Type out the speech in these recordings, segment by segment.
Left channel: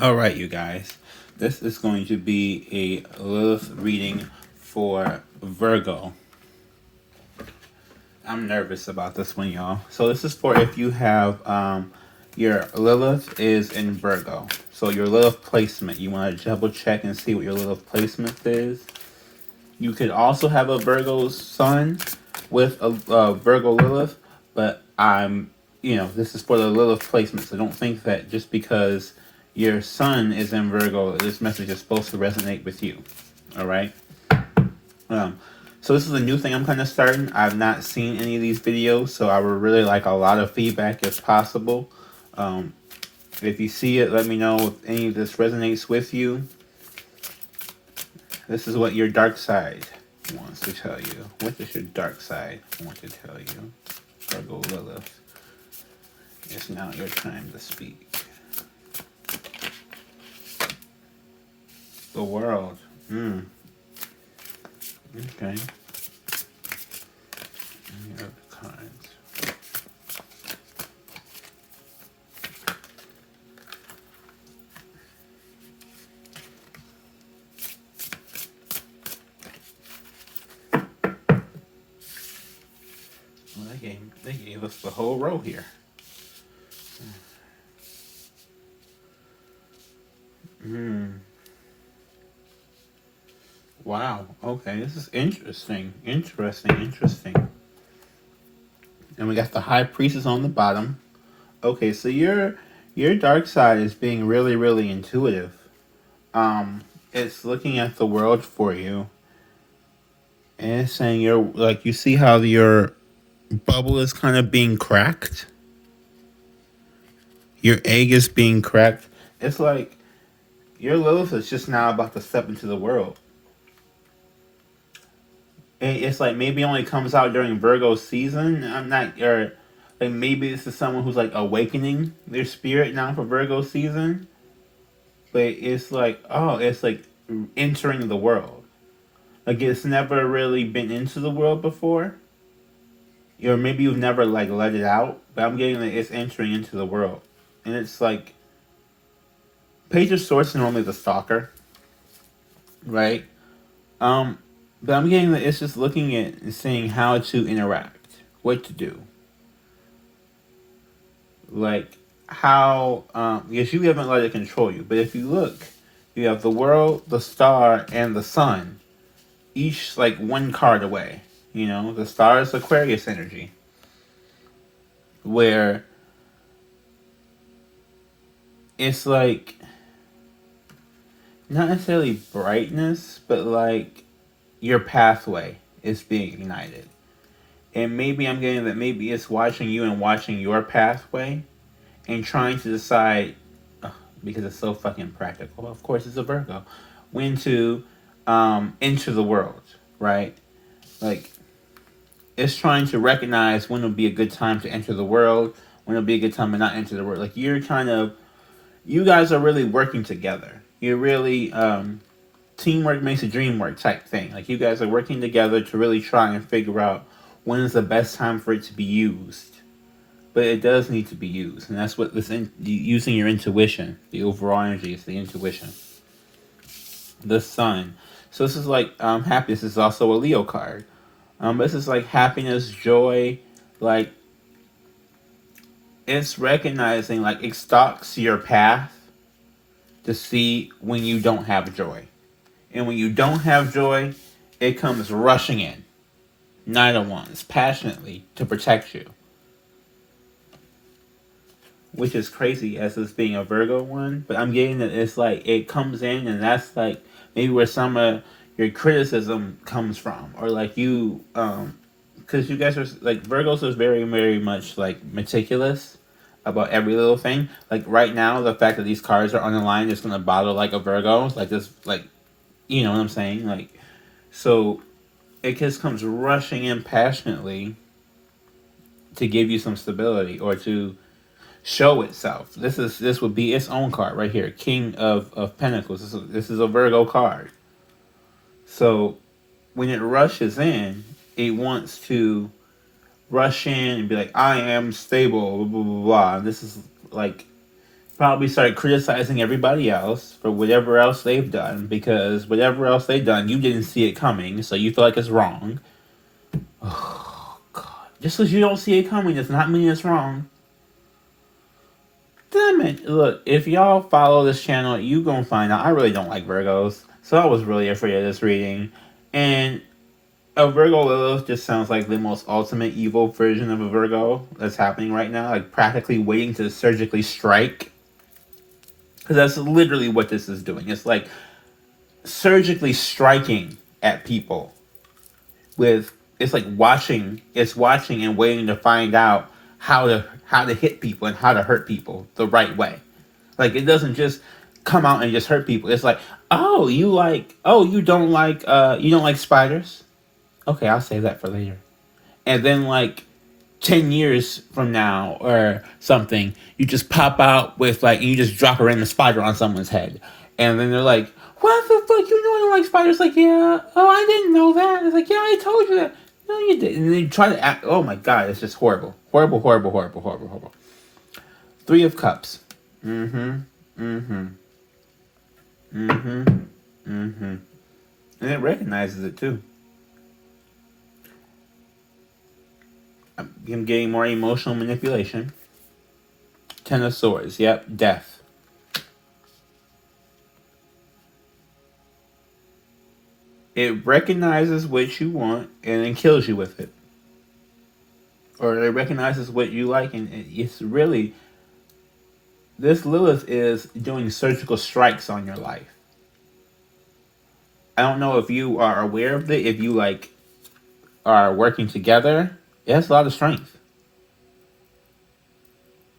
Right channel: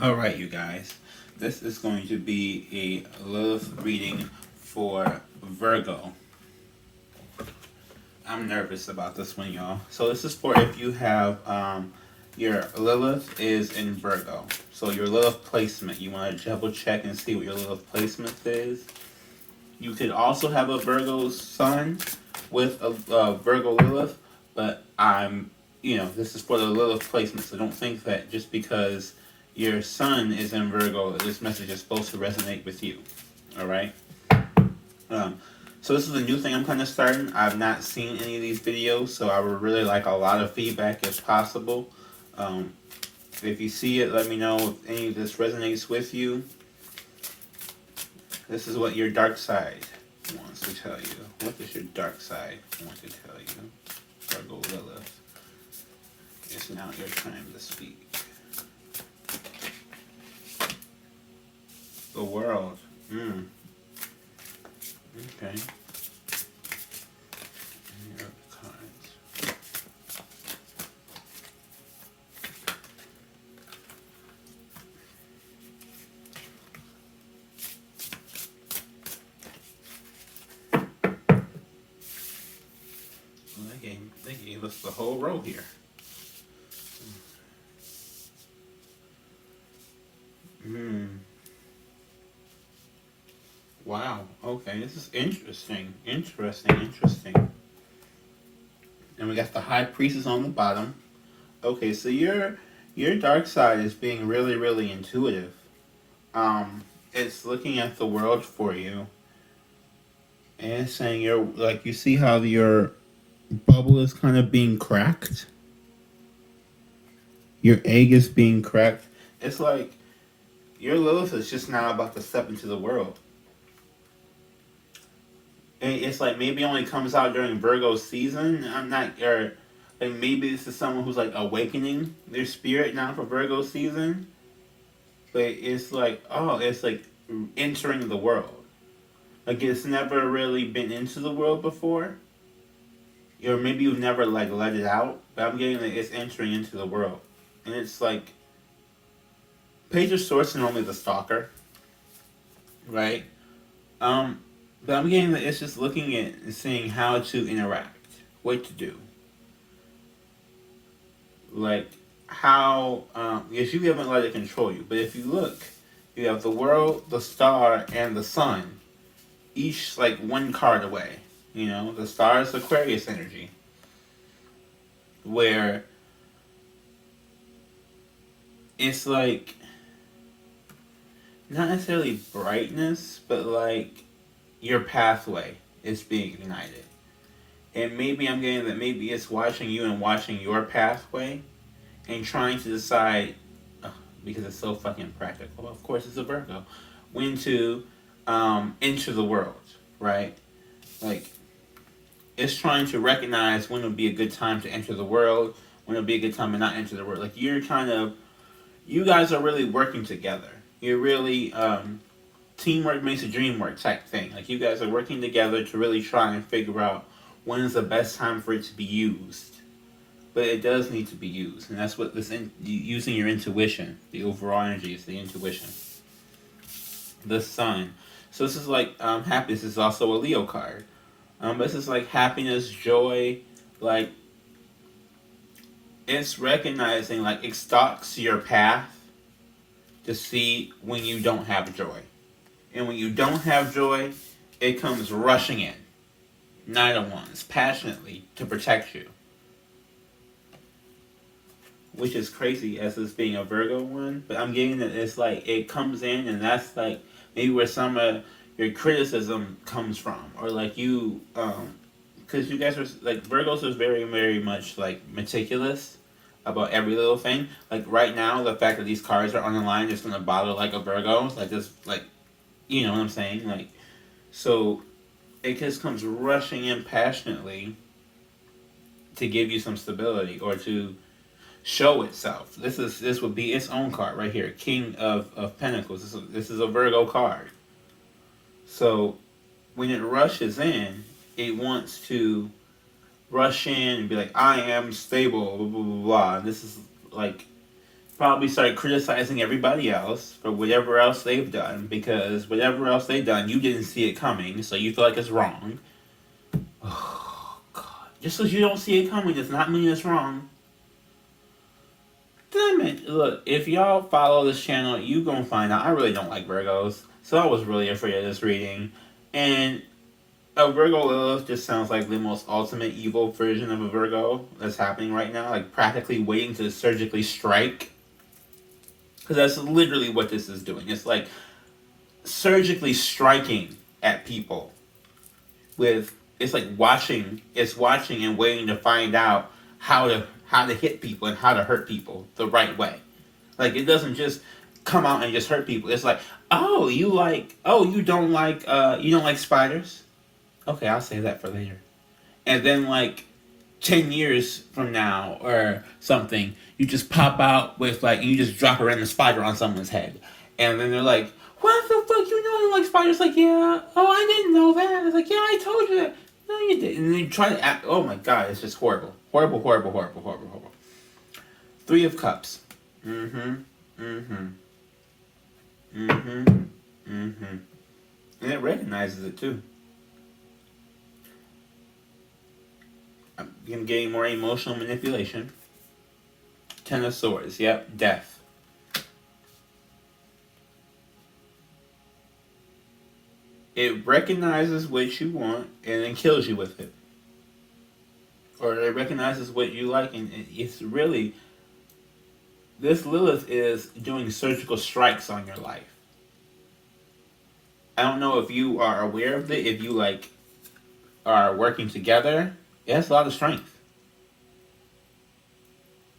Alright, you guys. This is going to be a Lilith reading for Virgo. I'm nervous about this one, y'all. So this is for if you have your Lilith is in Virgo. So your Lilith placement, you want to double check and see what your Lilith placement is. You could also have a Virgo sun with a Virgo Lilith, but this is for the Lilith placement. So don't think that just because your sun is in Virgo, this message is supposed to resonate with you. All right. So this is a new thing I'm kind of starting. I've not seen any of these videos, so I would really like a lot of feedback if possible. If you see it, let me know if any of this resonates with you. This is what your dark side wants to tell you. What does your dark side want to tell you? Virgo Lilith. It's now your time to speak. The world. Okay. Any other cards? Well, they gave us the whole row here. Wow. Okay, this is interesting. Interesting. And we got the High Priestess on the bottom. Okay, so your dark side is being really, really intuitive. It's looking at the world for you. And it's saying you see how your bubble is kind of being cracked? Your egg is being cracked. It's like your Lilith is just now about to step into the world. And it's like maybe it only comes out during Virgo season. Or like maybe this is someone who's like awakening their spirit now for Virgo season. But it's like, it's like entering the world. Like it's never really been into the world before. Or maybe you've never like let it out. But I'm getting that it's entering into the world. And it's like Page of Swords is normally the stalker. Right? But I'm getting that it's just looking at and seeing how to interact, what to do. Like how, because you haven't let it control you. But if you look, you have the world, the star, and the sun, each like one card away. You know, the star is Aquarius energy, where it's like not necessarily brightness, but like your pathway is being ignited. And maybe I'm getting that maybe it's watching you and watching your pathway and trying to decide, because it's so fucking practical, of course it's a Virgo, when to enter the world, right? Like, it's trying to recognize when would be a good time to enter the world, when would be a good time to not enter the world. Like, you guys are really working together. You're really, teamwork makes a dream work type thing. Like you guys are working together to really try and figure out when is the best time for it to be used. But it does need to be used, and that's what using your intuition. The overall energy is the intuition. The sun. So this is like happiness. This is also a Leo card. This is like happiness, joy, like it's recognizing, like it stalks your path to see when you don't have joy. And when you don't have joy, it comes rushing in. 9 of Wands, passionately, to protect you. Which is crazy as this being a Virgo one. But I'm getting that it's like, it comes in and that's like maybe where some of your criticism comes from. Or like you, because you guys are, like Virgos are very, very much like meticulous about every little thing. Like right now, the fact that these cards are on the line is going to bother like a Virgo. Like this, like, you know what I'm saying? Like, so it just comes rushing in passionately to give you some stability or to show itself. This would be its own card right here, King of Pentacles. This is a Virgo card. So when it rushes in, it wants to rush in and be like, I am stable, blah, blah, blah, blah. This is like probably start criticizing everybody else for whatever else they've done, because whatever else they've done, you didn't see it coming, so you feel like it's wrong. Oh, God. Just because you don't see it coming does not mean it's wrong. Damn it. Look, if y'all follow this channel, you gonna find out I really don't like Virgos, so I was really afraid of this reading. And a Virgo Lilith just sounds like the most ultimate evil version of a Virgo that's happening right now, like practically waiting to surgically strike. Because that's literally what this is doing. It's like surgically striking at people with, it's like watching and waiting to find out how to hit people and how to hurt people the right way. Like, it doesn't just come out and just hurt people. It's like, you don't like spiders? Okay, I'll save that for later. And then, like, 10 years from now or something, you just pop out with, like, you just drop a random spider on someone's head. And then they're like, what the fuck, you know I don't like spiders? Like, yeah, I didn't know that. It's like, yeah, I told you that. No, you didn't. And then you try to act, oh my God, it's just horrible. Horrible, horrible, horrible, horrible, horrible. 3 of Cups. And it recognizes it too. I'm getting more emotional manipulation. 10 of Swords. Yep, death. It recognizes what you want and then kills you with it. Or it recognizes what you like, and it's really... This Lilith is doing surgical strikes on your life. I don't know if you are aware of it, if you, like, are working together. It has a lot of strength.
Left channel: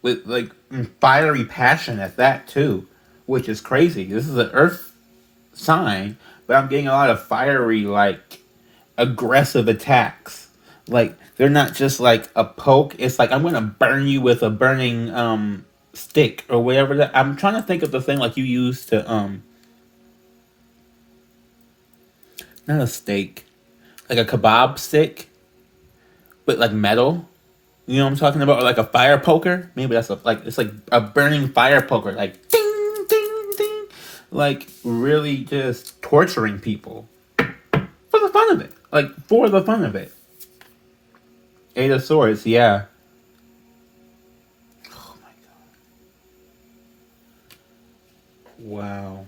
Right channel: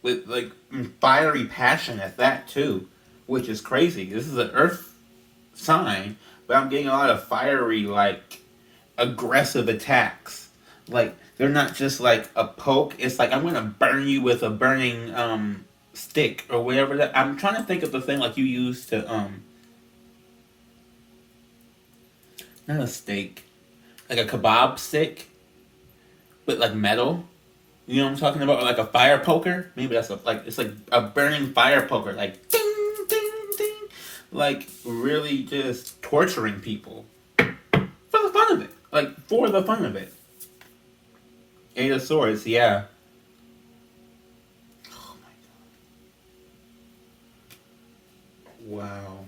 With, like, fiery passion at that, too. Which is crazy. This is an earth sign, but I'm getting a lot of fiery, like, aggressive attacks. Like, they're not just, like, a poke. It's like, I'm going to burn you with a burning, stick or whatever that... I'm trying to think of the thing, like, you use to, not a steak. Like a kebab stick. But like metal, you know what I'm talking about? Or like a fire poker. Maybe that's it's like a burning fire poker, like ding, ding, ding, like really just torturing people for the fun of it. Like for the fun of it. 8 of Swords, yeah. Oh my God. Wow.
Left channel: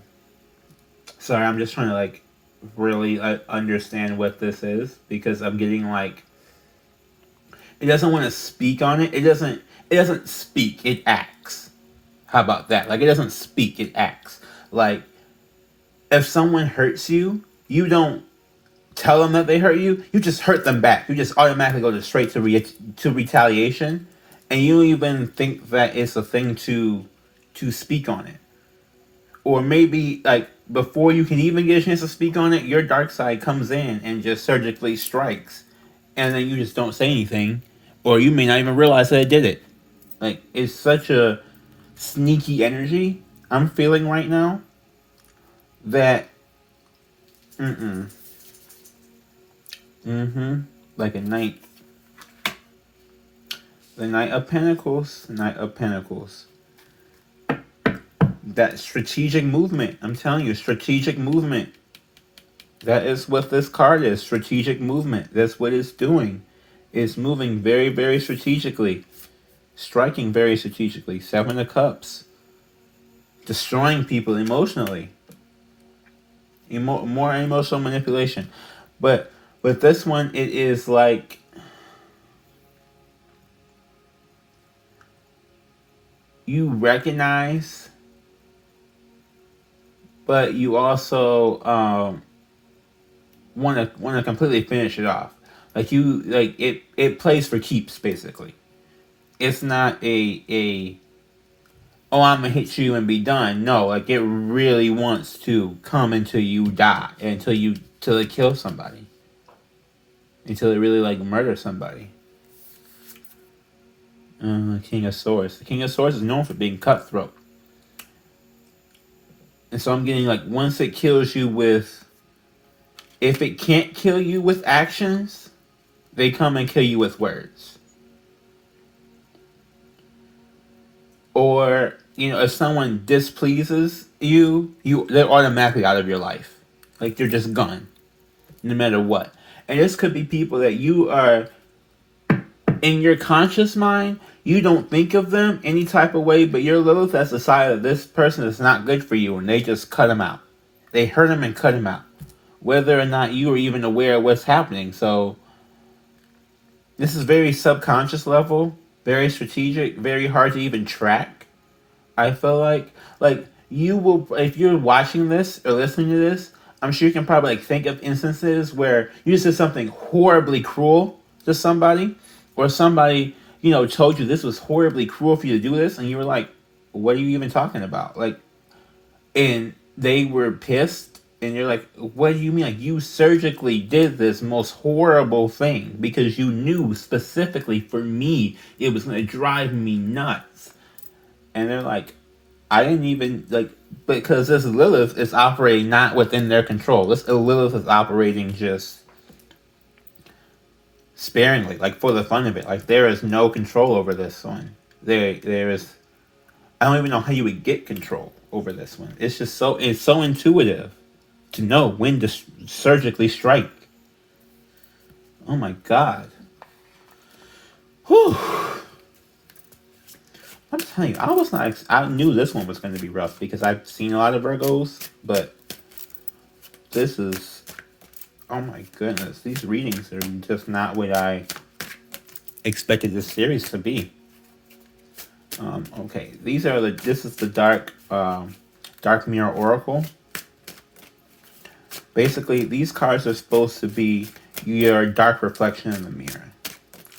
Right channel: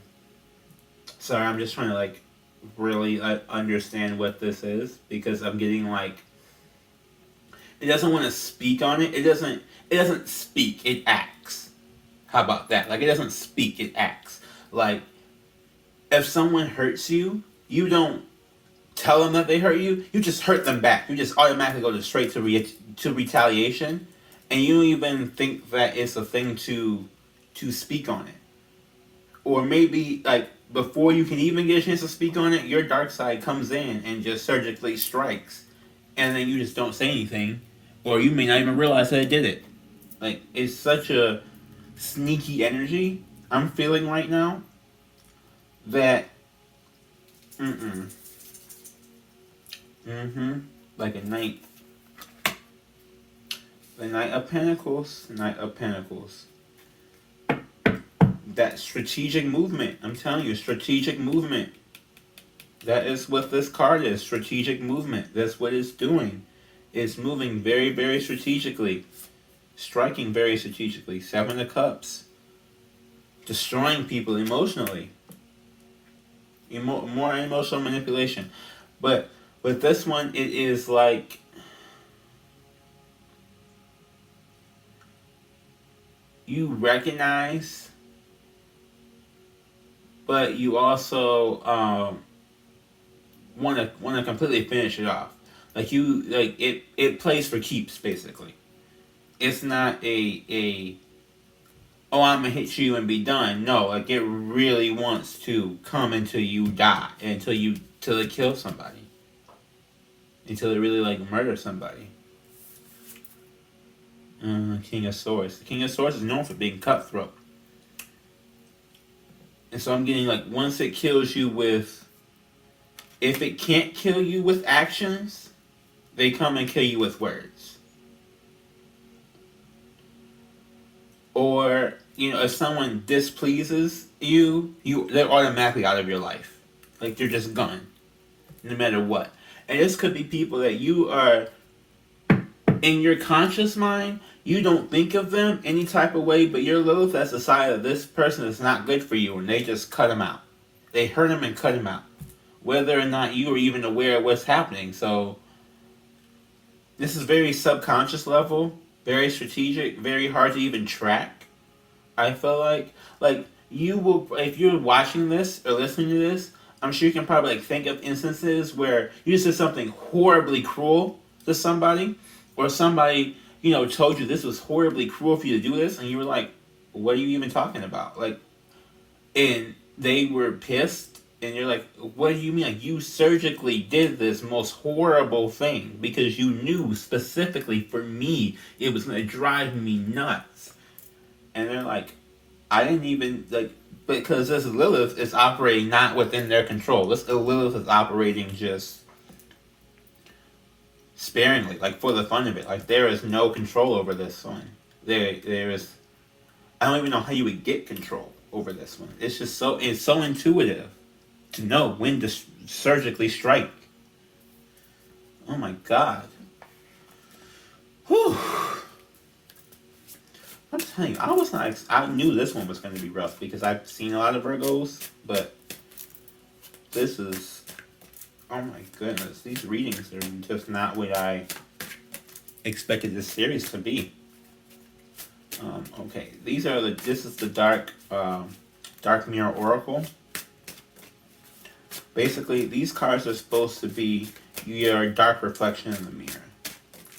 Sorry, I'm just trying to like really understand what this is, because I'm getting like... It doesn't want to speak on it. It doesn't speak. It acts. How about that? Like, it doesn't speak. It acts. Like, if someone hurts you, you don't tell them that they hurt you. You just hurt them back. You just automatically go straight to retaliation. And you don't even think that it's a thing to speak on it. Or maybe, like, before you can even get a chance to speak on it, your dark side comes in and just surgically strikes. And then you just don't say anything. Or you may not even realize that it did it. Like, it's such a sneaky energy I'm feeling right now that... Like a knight. The Knight of Pentacles. Knight of Pentacles. That strategic movement. I'm telling you, strategic movement. That is what this card is. Strategic movement. That's what it's doing. It's moving very, very strategically. Striking very strategically. 7 of Cups. Destroying people emotionally. More emotional manipulation. But with this one, it is like... You recognize... But you also... want to completely finish it off. Like it plays for keeps, basically. It's not a oh, I'm gonna hit you and be done. No, like it really wants to come until you die, until it kills somebody, until it really like murders somebody. King of Swords. The King of Swords is known for being cutthroat, and so I'm getting like once it kills you with. If it can't kill you with actions, they come and kill you with words. Or if someone displeases you, they're automatically out of your life. Like, they're just gone, no matter what. And this could be people that you are, in your conscious mind, you don't think of them any type of way, but your Lilith has decided this person is not good for you, and they just cut him out. They hurt him and cut him out, whether or not you are even aware of what's happening. So this is very subconscious level, very strategic, very hard to even track. I feel like you will, if you're watching this or listening to this, I'm sure you can probably think of instances where you just did something horribly cruel to somebody, or somebody told you this was horribly cruel for you to do this, and you were like, "What are you even talking about?" And they were pissed, and you're like, "What do you mean? Like, you surgically did this most horrible thing because you knew specifically for me it was gonna drive me nuts." And they're like, "I didn't even because this Lilith is operating not within their control. This Lilith is operating just sparingly, for the fun of it. Like, there is no control over this one. There is. I don't even know how you would get control over this one. It's just so intuitive to know when to surgically strike. Oh my God. Whew. I'm telling you, I knew this one was going to be rough because I've seen a lot of Virgos, but this is, oh my goodness, these readings are just not what I expected this series to be. Okay, this is the dark mirror oracle. Basically, these cards are supposed to be your dark reflection in the mirror.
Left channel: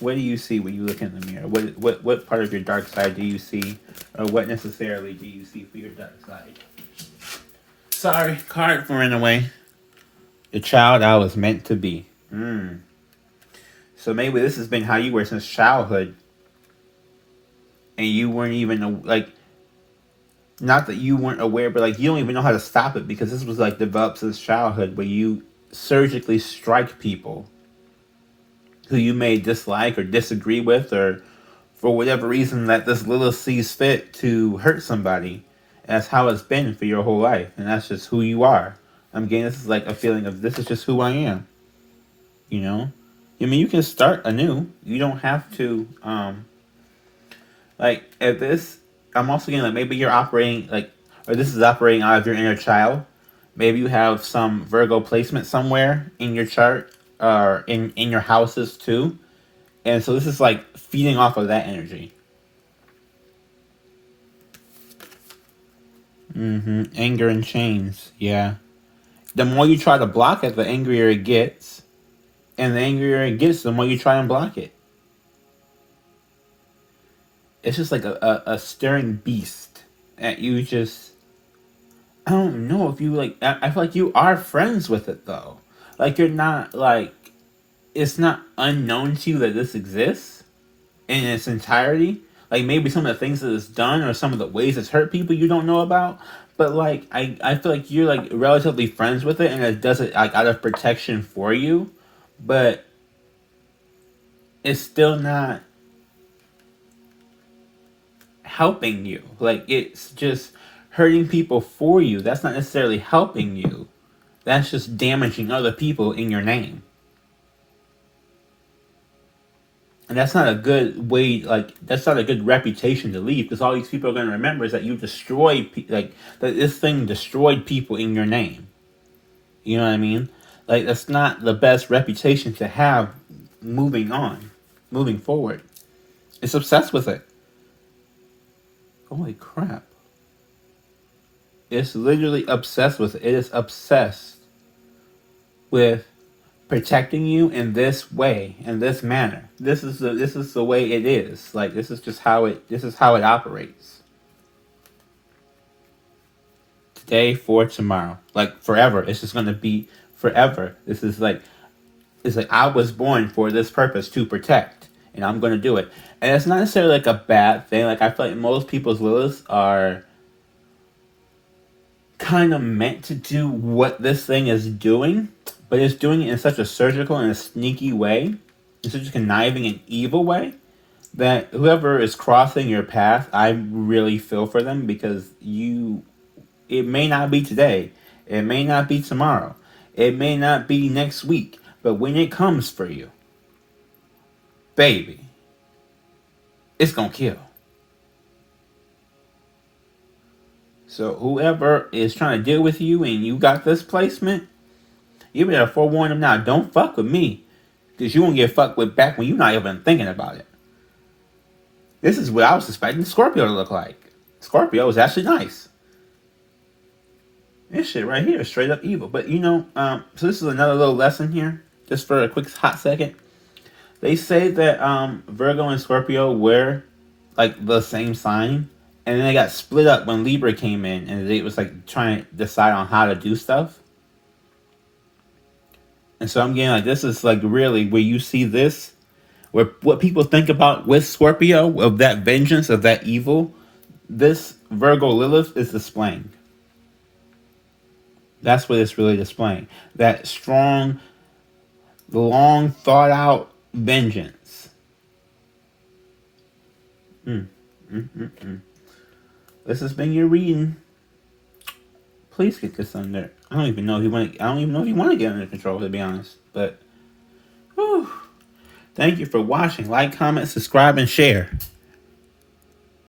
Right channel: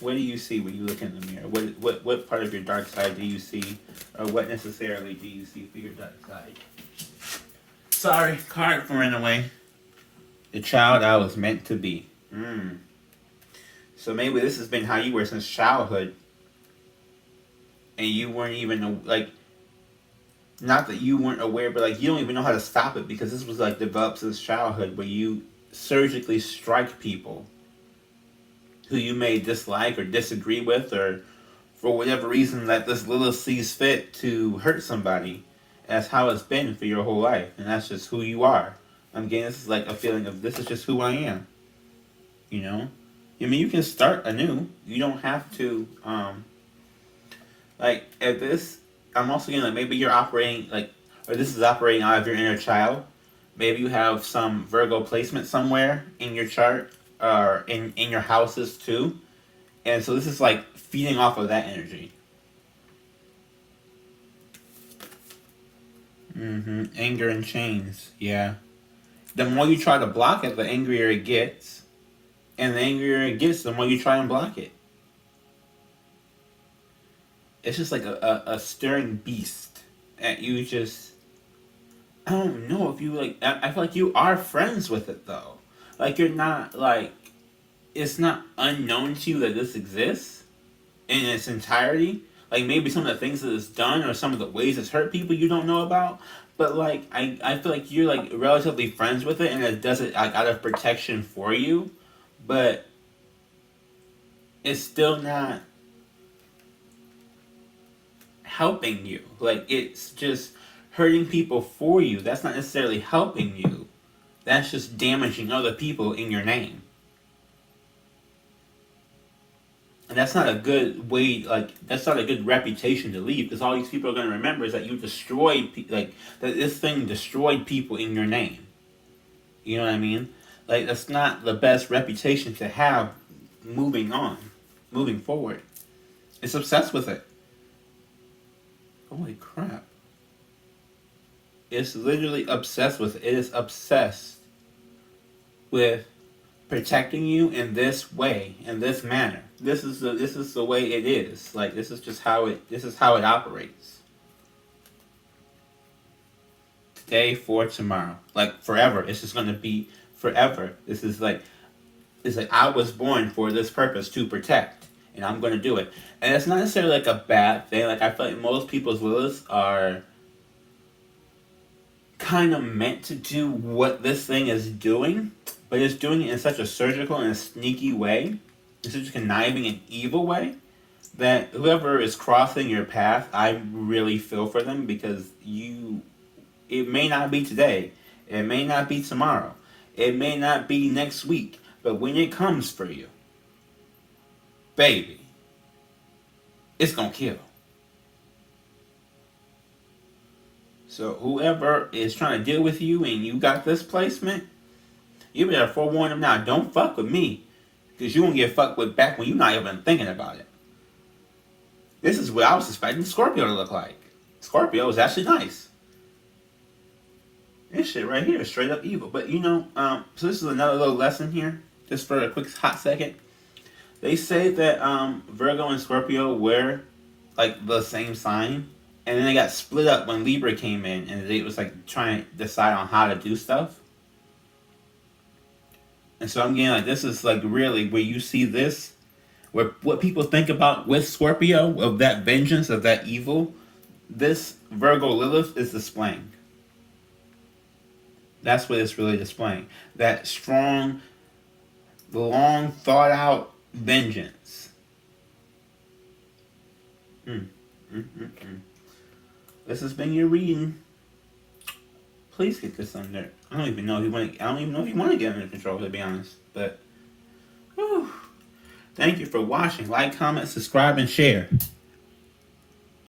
What do you see when you look in the mirror? What part of your dark side do you see? Or what necessarily do you see for your dark side? Sorry, card ran away. The child I was meant to be. So maybe this has been how you were since childhood. And you weren't even, not that you weren't aware, but you don't even know how to stop it, because this was developed since childhood, where you surgically strike people who you may dislike or disagree with, or for whatever reason that this Lilith sees fit to hurt somebody. And that's how it's been for your whole life, and that's just who you are. I'm getting this is a feeling of, this is just who I am. I mean, you can start anew. You don't have to, if this, I'm also getting maybe you're operating, or this is operating out of your inner child. Maybe you have some Virgo placement somewhere in your chart, or in your houses too. And so this is feeding off of that energy. Anger and chains, yeah. The more you try to block it, the angrier it gets. And the angrier it gets, the more you try and block it. It's just a staring beast that you just, I don't know if you I feel like you are friends with it though. You're not it's not unknown to you that this exists in its entirety. Maybe some of the things that it's done, or some of the ways it's hurt people, you don't know about. But I feel like you're relatively friends with it, and it does it out of protection for you. But it's still not helping you. It's just hurting people for you. That's not necessarily helping you. That's just damaging other people in your name. And that's not a good way, that's not a good reputation to leave, because all these people are going to remember is that you destroyed, that this thing destroyed people in your name. You know what I mean? That's not the best reputation to have moving forward. It's obsessed with it. Holy crap. It's literally obsessed with it. It is obsessed with protecting you in this way, in this manner. This is the way it is. This is just how it operates. Today for tomorrow. Forever. It's just gonna be forever. This is it's I was born for this purpose, to protect, and I'm gonna do it. And it's not necessarily a bad thing. I feel like most people's Liliths are kind of meant to do what this thing is doing, but it's doing it in such a surgical and a sneaky way, in such a conniving and evil way, that whoever is crossing your path, I really feel for them, because it may not be today, it may not be tomorrow, it may not be next week, but when it comes for you, baby, it's gonna kill. So whoever is trying to deal with you and you got this placement, you better forewarn them now. Don't fuck with me, because you won't get fucked with back when you're not even thinking about it. This is what I was expecting Scorpio to look like. Scorpio is actually nice. This shit right here is straight up evil. But so this is another little lesson here, just for a quick hot second. They say that Virgo and Scorpio were like the same sign, and then they got split up when Libra came in, and they was like trying to decide on how to do stuff. And so I'm getting like, this is like really where you see this, where what people think about with Scorpio, of that vengeance, of that evil, this Virgo Lilith is displaying. That's what it's really displaying. That strong, long thought out vengeance. This has been your reading. Please get this under. I don't even know if you want to get under control, to be honest. But, whew. Thank you for watching. Like, comment, subscribe, and share.